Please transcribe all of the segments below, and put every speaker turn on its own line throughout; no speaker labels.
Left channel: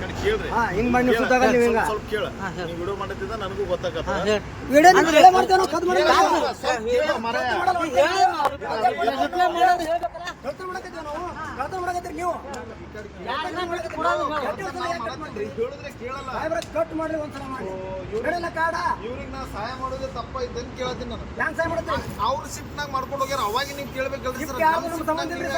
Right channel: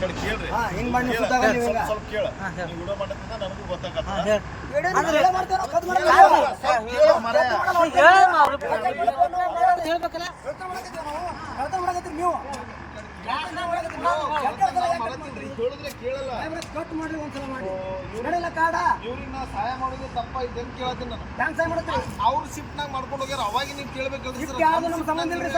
ಕಡೆ ಕೇಳ್ರಿ.
ಹಾ, ಹಿಂಗ್ ಮಾಡಿ ನೀವು ಸುತ್ತಾಗ ನೀವು
ಸ್ವಲ್ಪ-
ಹಿಂಗ.
ಸ್ವಲ್ಪ ಕೇಳ. ನೀವು ವಿಡಿಯೋ ಮಾಡತ್ತಿದ್ದ ನನಗೂ ಗೊತ್ತಾಗತ್ತ.
ವಿಡಿಯೋ.
ಕಾದು.
ಕೇಳು.
ರಿಪ್ಲೈ ಮಾಡೋದು ಹೇಳ್ಬೇಕಲ್ಲ
ಮಾಡಕತ್ತೀವಿ ನಾವು. ಮಾಡಕತ್ತೀರಿ ನೀವು. ಕಟ್
ಹೇಳಿದ್ರೆ ಕೇಳಲ್ಲ.
ಸಾಹೇಬ್ರೆ, ಕಟ್ ಮಾಡ್ರಿ ಒಂದ್ಸಲ ಮಾಡಿ. ಕಾಡ?
ಇವ್ರಿಗೆ ನಾ ಸಹಾಯ ಮಾಡೋದೇ ತಪ್ಪ ಕೇಳತ್ತೀನಿ ನಾನು. ಅವ್ರು ಶಿಫ್ಟ್ನಾಗ ಮಾಡ್ಕೊಂಡು ಹೋಗ್ಯಾರ. ಅವಾಗ ನೀವು ಕೇಳಬೇಕು
ಶಿಫ್ಟ್ ಯಾವ್ದು ನಮ್ಗೆ ಸಂಬಂಧ ಇಲ್ರಿ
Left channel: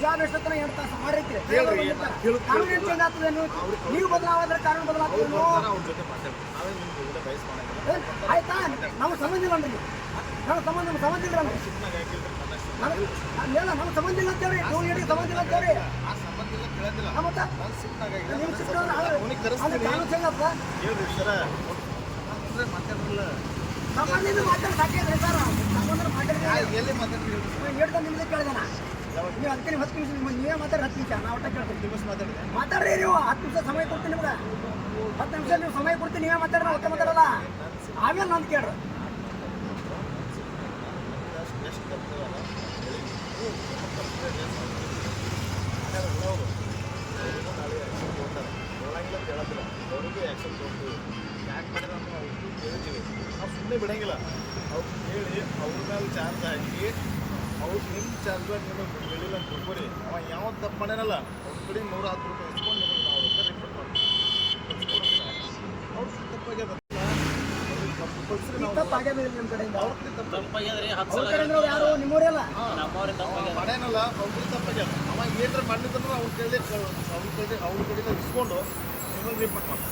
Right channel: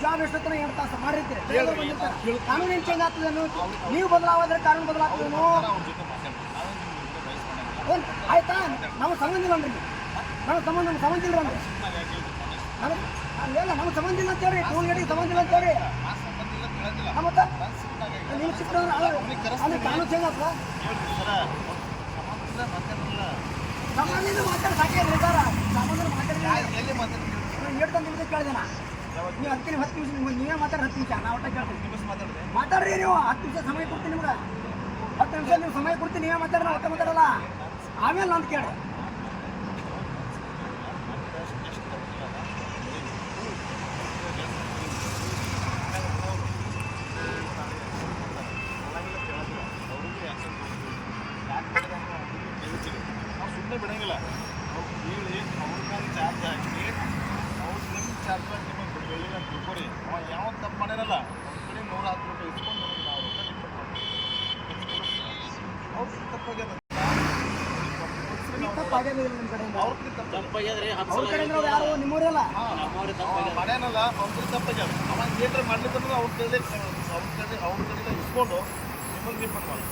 ಜಾಬ್ ಎಷ್ಟೊತ್ತನ ಎಂಟು ತಾಸು ಕಾನೂನು ಚೇಂಜ್ ಆಗ್ತದೆ ನೀವು ನೀವು ಬದಲಾವಾದ್ರೆ ಕಾನೂನು ಬದಲಾಗ್ತದೇನು ಆಯ್ತಾ? ನಾವು ಸಂಬಂಧ ಇಲ್ಲ ಅಂದ್ರೆ. ನಾವು ಸಂಬಂಧ ನಮ್ಗೆ ಸಂಬಂಧ ಇಲ್ಲ ಅಂದ್ರೆ. ಅಲ್ಲೆಲ್ಲ ನಮ್ಗೆ ಸಂಬಂಧ ಇಲ್ಲ ಅಂತೇಳಿ. ಕೂಲ್ಗೇಟಿಗೆ ಸಂಬಂಧ ಇಲ್ಲ ಅಂತೇಳಿ. ಮತ್ತೆ? ನೀವು ಸಿಕ್ಕ ಅಲ್ಲಿ ಕಾನೂನು ಚೇಂಜ್ ಆಗ್ತದೆ? ಸಂಬಂಧ ಮಾತಾಡಿ ಸಾಕೇ ಹೇಳ್ತಾರ ಸಂಬಂಧ ಮಾತಾಡಿಲ್ಲ
ಎಲ್ಲಿ ಮಾತಾಡ್ತೀವಿ
ನಾನು ನಾ. ನೀವು ನಿಮಿಷ, ಹತ್ತು ನಿಮಿಷ ನೀವೇ ಮಾತಾಡಿ ಹತ್ತು ನಿಮಿಷ. ನಾ ಒಟ್ಟ ಕೇಳ್ತೀನಿ ಮಾತಾಡ್ರಿ. ನೀವು, ಹತ್ತು ನಿಮಿಷ ಸಮಯ ಕೊಡ್ತೀನಿ ನಿಮ್ಗೆ. ಹತ್ತು ನಿಮಿಷ ನೀವು ಸಮಯ ಕೊಡ್ತೀನಿ, ನೀವೇ ಮಾತಾಡ್ರಿ ನಾ ಒಟ್ಟ ಮಾತಾಡಲ್ಲ. ಆಮೇಲೆ ನಾನು ಕೇಳ್ರಿ
ಬಿಡಂಗಿಲ್ಲ. ಅವ್ರು ಹೇಳಿ ಅವ್ರ ಮೇಲೆ ಚಾರ್ಜ್ ಹಾಕಿ ಅವ್ರು ಚಾರ್ಜ್ ಯಾವ ತಪ್ಪು ಅವ್ರ ಕಡೆ ನೂರ ಹತ್ತು ಇಸ್ಕೊಂಡು ನಾವು ಅವ್ರು ತಪ್ಪಾಗ್ಯದ
ತಪ್ಪಾಗ್ಯದ್ರಿ ಹತ್ತು ಸಲ
ನಿಮ್ಮವರೆಲ್ಲ
ನಮ್ಮವ್ರೆ ತಪ್ಪಾಗ್ಯದ
ಮಾಡ್ಯಾನಲ್ಲ ಅವ್ರ ಕಡೆ ತಪ್ಪಾಗ್ಯದ ಅವ ಏನ್ರ ಮಾಡ್ಲಿಕ್ಕಂದ್ರೆ ಅವ್ರ ಕಡೆ ಅವ್ರ ಕಡೆ ಅವ್ರ ಕಡೆ ಇಸ್ಕೊಂಡು ನಿಮಗೆ ಬಿಡ್ತಾನೆ